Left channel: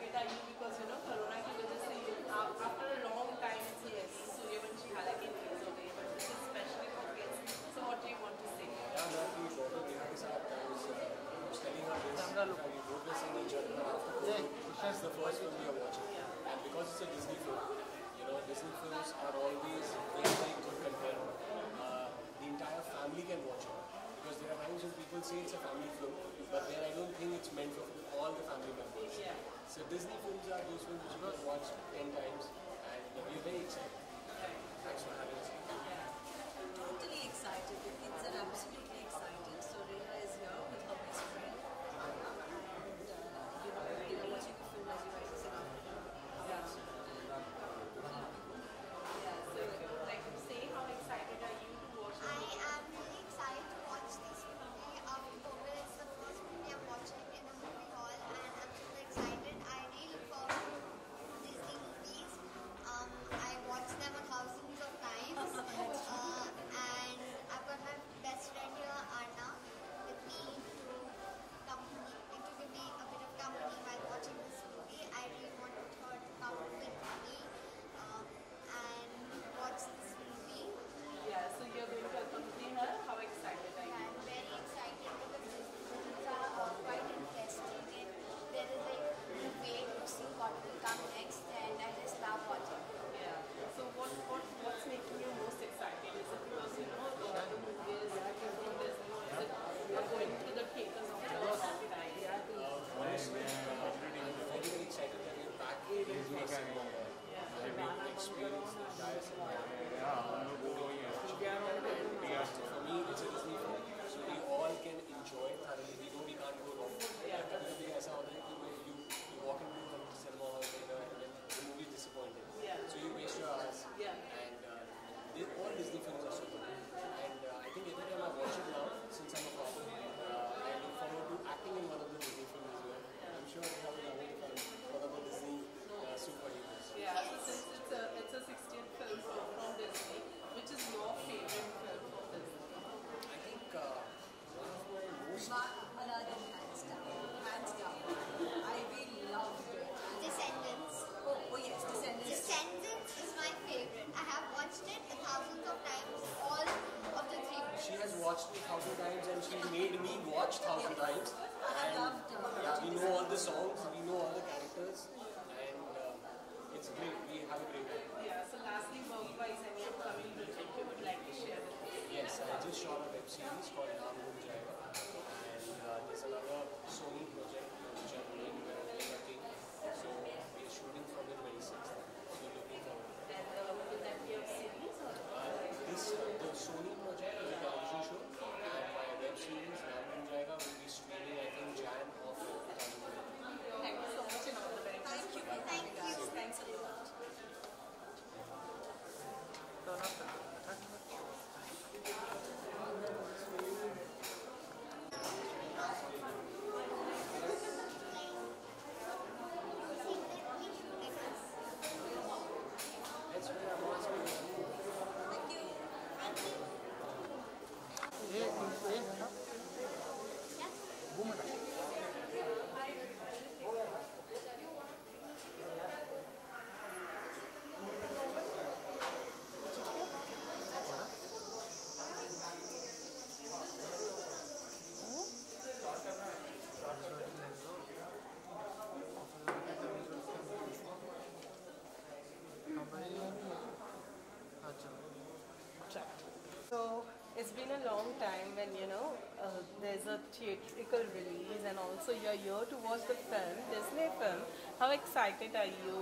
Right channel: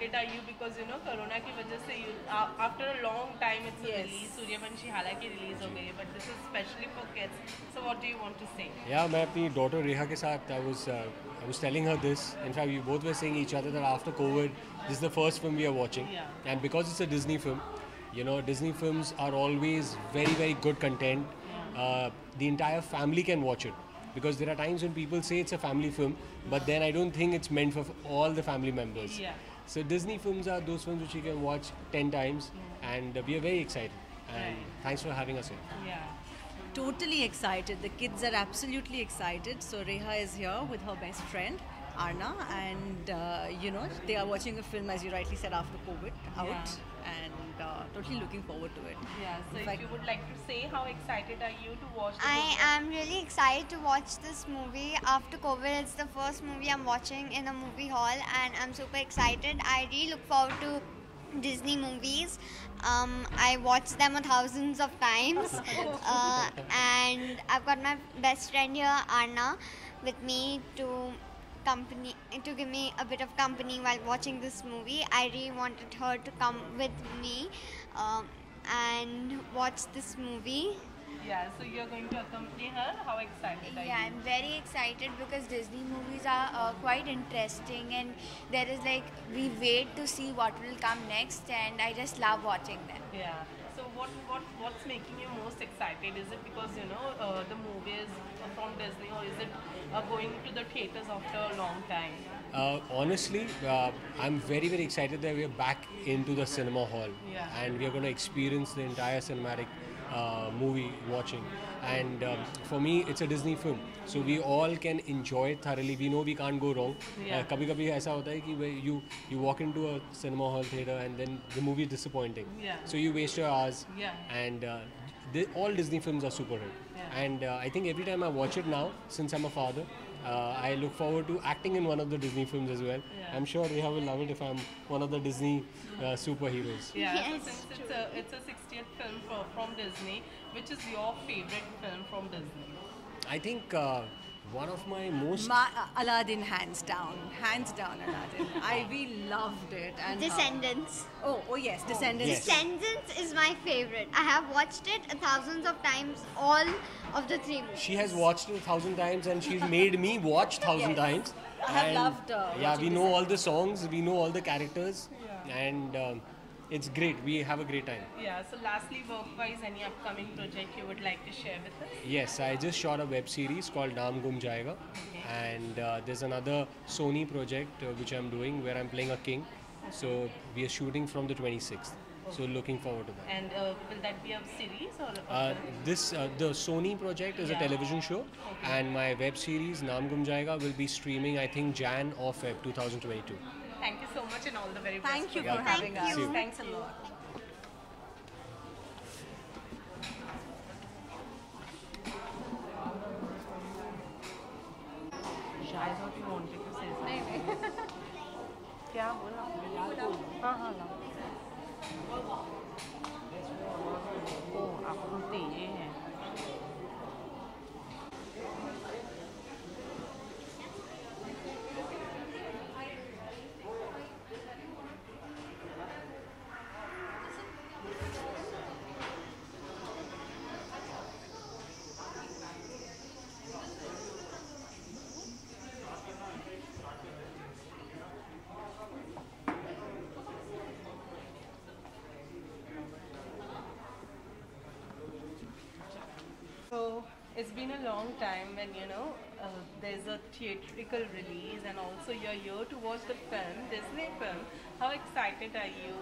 excited are you because you know Corona की वजह से after a long time it's a release. Suryavanshi हालांकि release हो गई है, but this is especially for kids. So what do you want to say? Yeah, मैं अपनी daughter Reha के साथ I was telling her this. In fact, we both were saying each other that after COVID, this is the first film we are watching, and because it's a Disney film, you know, Disney films are always very very good content. The entire family can watch it because there are times when people say it's a family film, but then I don't think it's meant for all the family members. So Disney films are those films which you can watch 10 times, and we are very excited. And thanks for having us here. Totally excited. The kids are absolutely excited. So Reha is here with her best friend Arna, and you know, they are watching a film, as you rightly said, after COVID out, and totally looking forward to it. So if you would like to say, how excited are you to watch? I am really excited to watch this movie after COVID. It's the first movie I'm watching in a movie hall, and I'm super excited. I really look forward to Disney movies. I watched them thousands of times, and I've got my best friend here, Arna, with me to give me a bit of company while watching this movie. I really wanted her to come with me and watch this movie. So you're going to accompany her. How excited are you? I'm very excited because Disney movies are quite interesting, and there is like, we wait to see what will come next, and I just love watching them. So what's making you most excited? Is it because you know the movie is from Disney, or is it going to the theaters after a long time? Honestly, I'm very very excited that we're back into the cinema hall, and we're going to experience the entire cinematic movie watching. And for me, it's a Disney film, so we all can enjoy it thoroughly. We know we can't go wrong. कभी-कभी ऐसा होता है कि you walk into a cinema hall theater and then the movie is disappointing. So you waste your hours. And all Disney films are super hit. And I think every time I watch it now, since I'm a father, I look forward to acting in one of the Disney films as well. I'm sure Reha will love it if I'm one of the Disney superheroes. So since it's a 60th film from Disney, which is your favorite film from Disney? I think one of my most Aladdin, hands down Aladdin. We loved it. And Descendants. Oh yes, Descendants. Descendants is my favorite. I have watched it thousands of times, all of the 3 movies. She has watched it 1,000 times, and she's made me watch 1,000 times. I have loved we know all the songs, we know all the characters, and it's great. We have a great time. So lastly, work-wise, any upcoming project you would like to share with us? Yes, I just shot a web series called Naam Gum Jayega, and there's another Sony project which I'm doing where I'm playing a king. So we are shooting from the 26th. So looking forward to that. And will that be a series or? The Sony project is a television show, and my web series Naam Gum Jayega will be streaming, I think, Jan or Feb 2022. Thank you so much, and all the very best. Thank you for having us. you. Thanks a lot. I thought you wanted to say something. क्या बोला? हाँ आप बोलते ये हैं. So it's been a long time when you know there's a theatrical release, and also you're here to watch the film, Disney film. How excited are you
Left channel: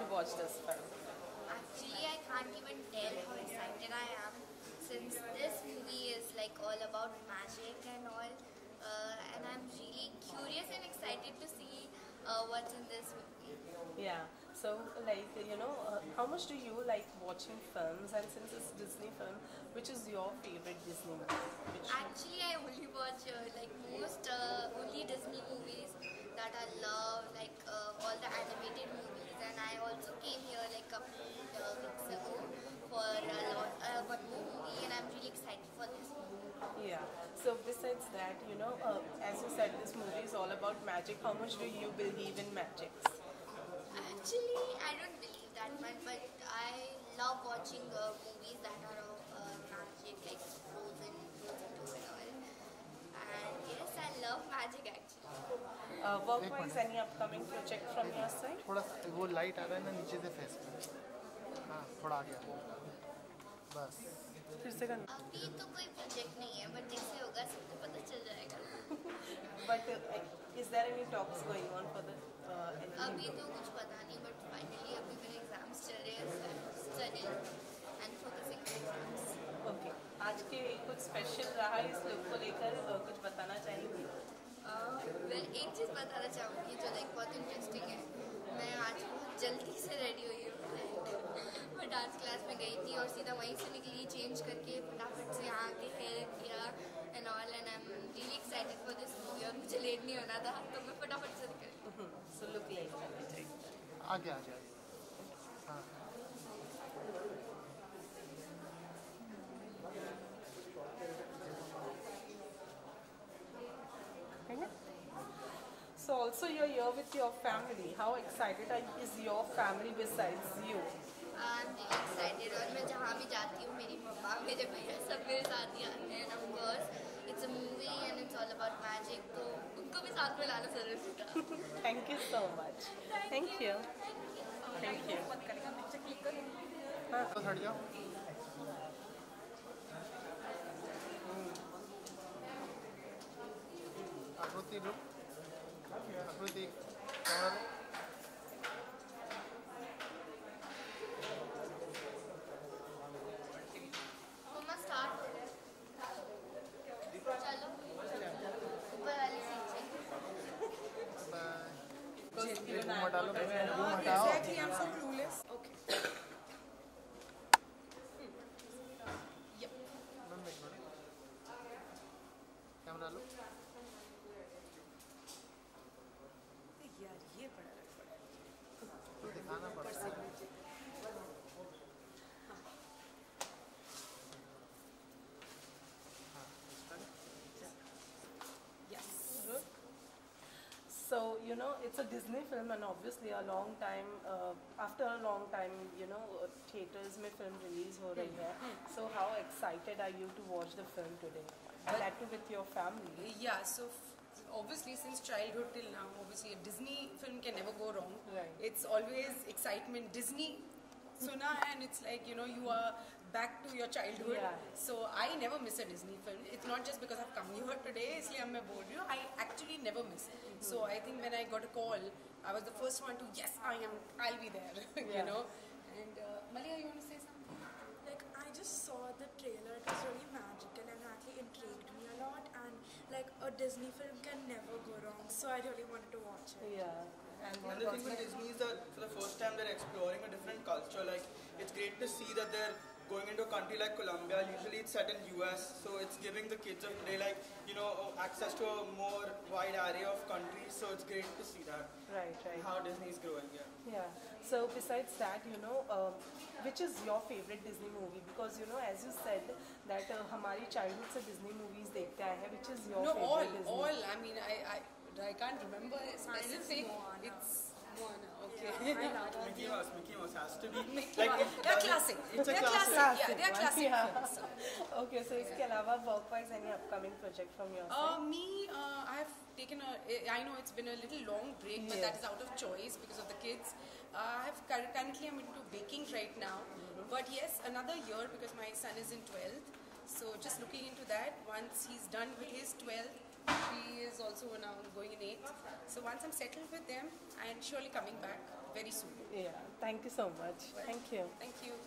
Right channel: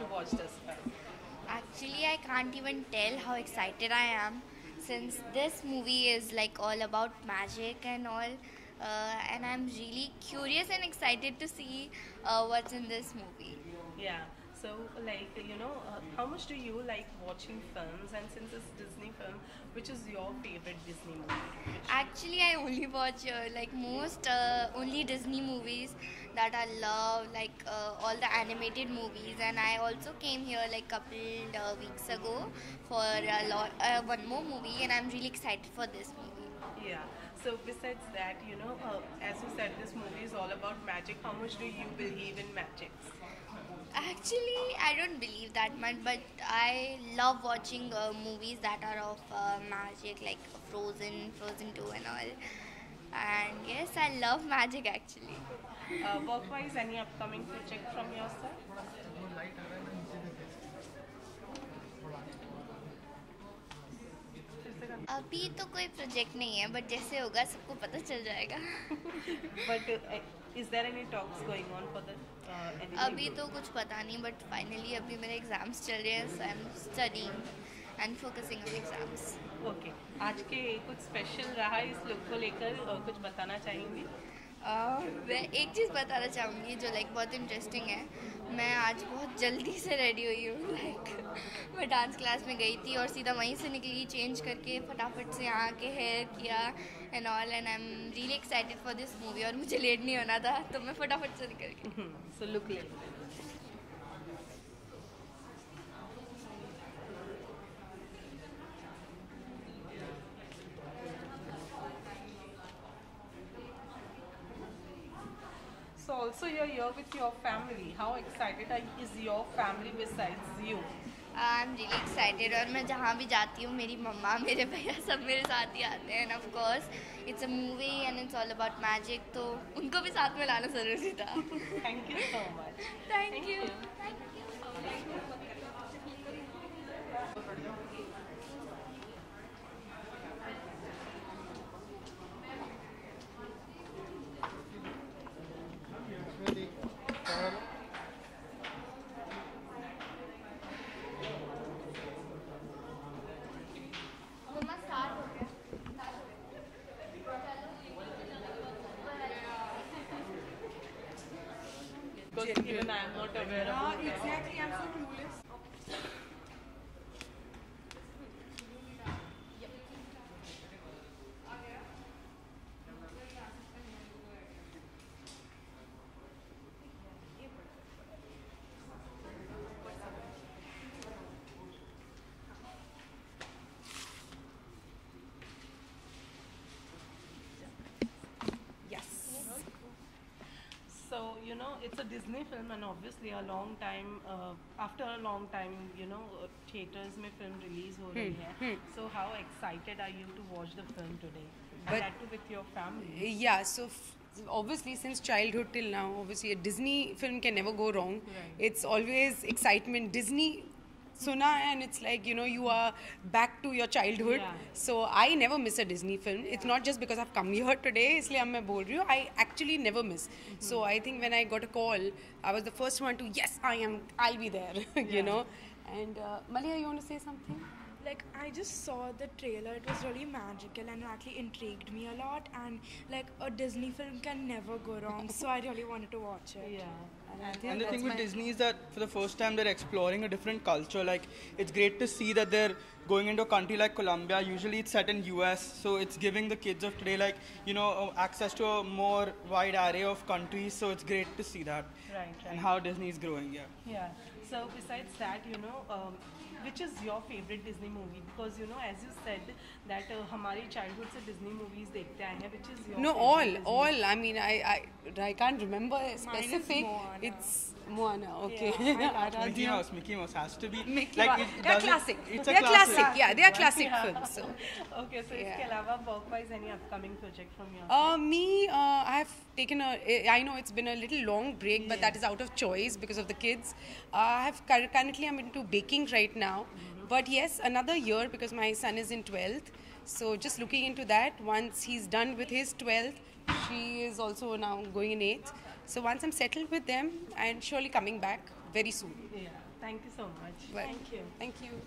to watch this film? Actually, I can't even tell how excited I am, since this movie is like all about magic and all, and I'm really curious and excited to see what's in this movie. So like you know, how much do you like watching films? And since it's Disney film, which is your favorite Disney movie? Actually, I only watch only Disney movies that I love, like all the animated movies. And I also came here like couple weeks ago for one more movie, and I'm really excited for this movie. So besides that, you know, as you said, this movie is all about magic. How much do you believe in magic? don't believe that much, but I love watching movies that are of magic, like Frozen, Frozen 2 and all. And yes, I love magic actually. Work-wise, any upcoming project from your side? थोड़ा वो light आ रहा है ना नीचे से face हाँ थोड़ा आ गया बस अभी तो कोई प्रोजेक्ट नहीं है, बट जैसे होगा सबको पता चल जाएगा. But is there any talks going on for the anything? अभी तो कुछ पता नहीं, बट फाइनली अभी मेरे एग्जाम्स चल रहे हैं, so I am studying and focusing on exams. Okay, आज के कुछ स्पेशल रहा इस लुक को लेकर कुछ बताना चाहेंगे? मैं एक चीज़ बताना चाहूँगी जो लाइक बहुत इंटरेस्टिंग है. मैं आज बहुत जल्दी से रेडी हुई हूँ. लाइक मैं डांस क्लास में गई थी और सीधा वहीं से निकली, चेंज करके फटाफट से यहाँ के हेयर किया and all, and I am really excited for this movie. और मुझे लेट नहीं होना था, तो मैं फटाफट से निकल गई. सो लुक लाइक आ गया So also you're here with your family. How excited is your family besides you? I am really excited. और मैं जहाँ भी जाती हूँ मेरी मम्मा मेरे भैया सब मेरे साथ ही आते हैं. End of course it's a movie and it's all about magic, तो उनको भी साथ में लाना ज़रूरी था. Thank you so much. Thank you. तो हट जाओ श्रुति कैमरा लो मम्मा स्टार्ट हो गया. चलो. Because even I'm not aware of it. Exactly, I'm so clueless. Okay. Camera लो दिखाना पड़ता है Yes. So, you know, it's a Disney film and obviously a long time, after a long time, you know, theaters में film release हो रही है. So how excited are you to watch the film today? And But- that too with your family. Yeah, so obviously since childhood till now, obviously a Disney film can never go wrong. Right. It's always excitement. Disney suna and it's like, you know, you are back to your childhood. Yeah. So I never miss a Disney film. It's not just because I've come here today, इसलिए मैं बोल रही हूँ. I actually never miss. So I think when I got a call, I was the first one to, yes, I'll be there, you know. And Malia, you want to say something? Like, I just saw the trailer. It was really magical and it actually intrigued me a lot. And like, a Disney film can never go wrong. So I really wanted to watch it. Yeah. And the thing with Disney is that for the first time they're exploring a different culture. Like, it's great to see that they're going into a country like Colombia. Usually it's set in US, so it's giving the kids of today, like, you know, access to a more wide array of countries. So it's great to see that Right, and right. how Disney is growing. Yeah. Yeah. So besides that, you know, which is your favorite Disney movie? Because, you know, as you said that हमारी childhood से Disney movies देखते आए हैं. Which is your No, favorite all. Disney? I mean, I can't remember a specific. Moana. It's Moana. Okay. Mickey Mouse has to be. Mickey like, Mouse. it They're doesn't- classic. It's a They're classic. classic. Yeah, they are classic films. So. Okay, so Yeah. इसके अलावा work-wise any upcoming project from your I've taken I know it's been a little long break, but that is out of choice because of the kids. Currently I'm into baking right now. But yes, another year because my son is in 12th. So just looking into that. Once he's done with his 12th, she is also now going in 8th. So once I'm settled with them, I'm surely coming back very soon. Yeah. Thank you so much. Well, Thank you. Thank you.